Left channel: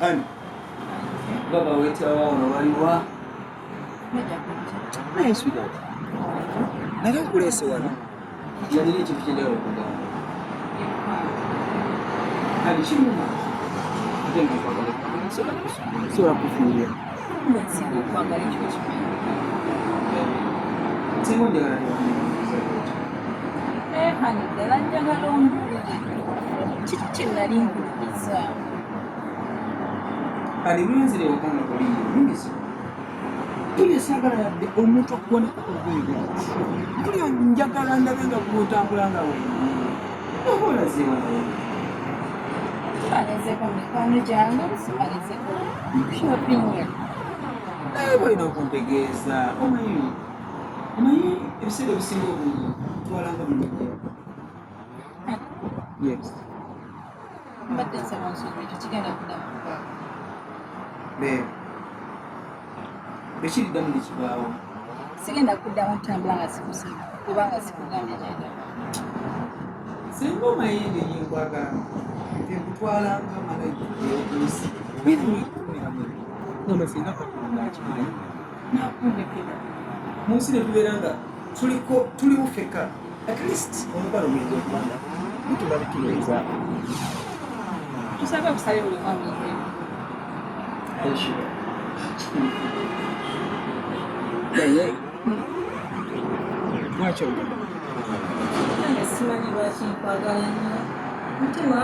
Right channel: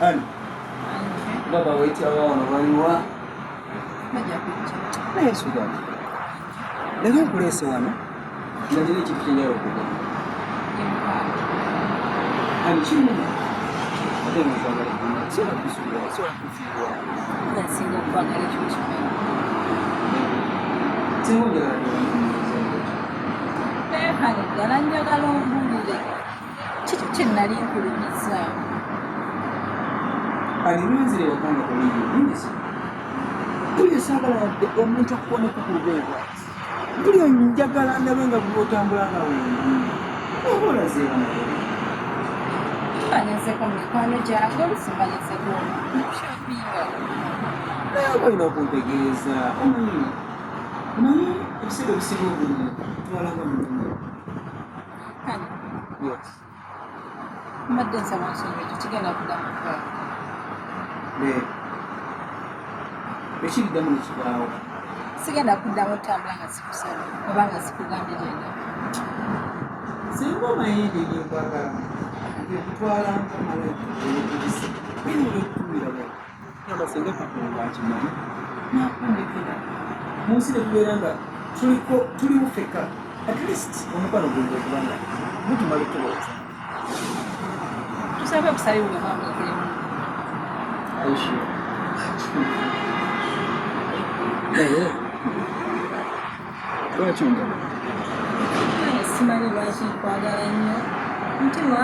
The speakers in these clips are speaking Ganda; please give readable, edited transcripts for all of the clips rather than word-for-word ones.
Ani baba wait awa ono baliwa majja kujja naye sweetheart naga nkulese wano nga nina ekintu kyenjagala okugamba ani kimuma ate nga nkwagala kumala sobola kufiirwa nga nsinga okwagala ekyo kimala singa onjagala tewandimubuuza bwekyo hani ddala njagala ombuulire kiki kye nali nkulumiza ani bwenzire waka nga toliyo nyingizibu buli esaagala yadde omuntu akuwoneka ku lugoye bwati buli njagala ndabe nga bwotambula nga wengi oba olazeewa naye mbanyezeko mu mikwano gyange olusi mbanyezeko shoppinga naye oba olina okuntegeeza omanyi ebiseera ebisinga obungi twalanga munenye yes mbadde nsaba nsonyiwa ekyo kigenda kuddamu kukaaga beebe bekiriddamu nekibaawo sigenda kuddamu otambula nga sikusaba oba nga sikugambye genda singa omanyi engeri yenkwagalamu nti nkutwalanga malayika eyokulisi bwene wekumira bwe ngamba singa katonda akimanyi nakundekera mu nsi netubeera nga tuli bufeka at least omukwano guyinza okubanga gutumala tuweza tusabe okusaba buli omu amanyikiremu aishuwa naye lwaki onjagala nange simanyi lwaki nkwagala nnyo mutima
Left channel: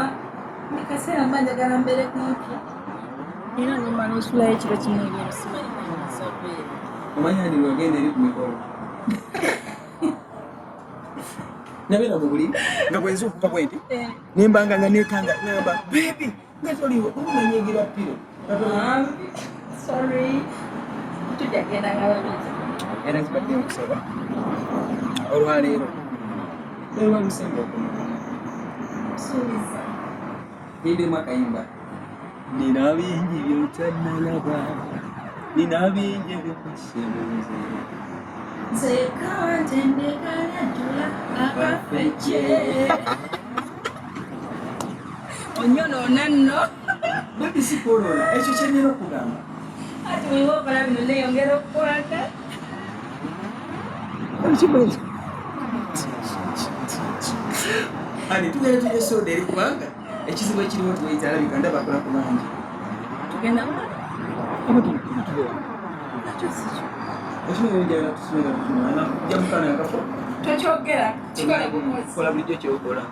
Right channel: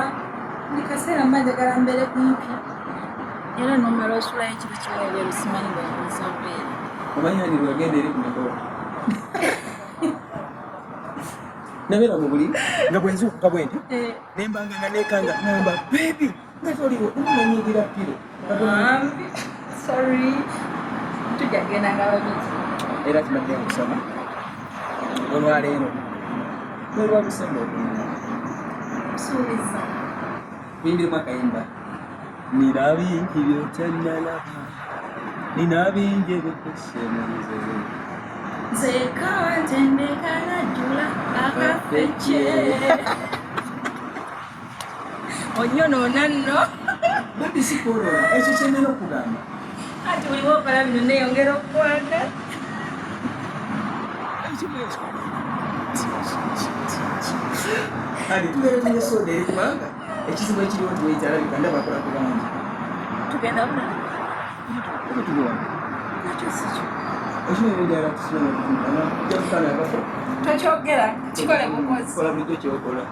buli kaseera mba njagala mbeere kumpi era nomala osulayo ekiro kimu ebweru simanyi ngayinza bweru omanyi hani lwagenda eri ku mikolo nabeera mu buliri nga bwenzuukuka bwe nti nembanga nga nekanga ngamba bebi nga toliwo nomunanyigira piro sorry tujja kgenda nga babiri era kibadde nkusaba olwaleero nolwa lusemba okunona suubiza kuyimbiremu akayimba nina bingi byotannalaba nina bingi ebikose munze nzekawa ntendeka najjula akafece onyonoona nno bebi sikwonoona ekyo kyenina okugamba ati buli bwokola bino neyongera okukwagala ekibwezo ani tugenda tunywa soda eri kubanga ekizibu ekiriwo nti weita alabika ndaba akola ku bangi tugenda bulala oba tugewa nakyo sikyo okimanyi njagala tusimenga tutunulanga kujja mukaana akafo tokyogera kikole bukozi kola bulijjo kyokola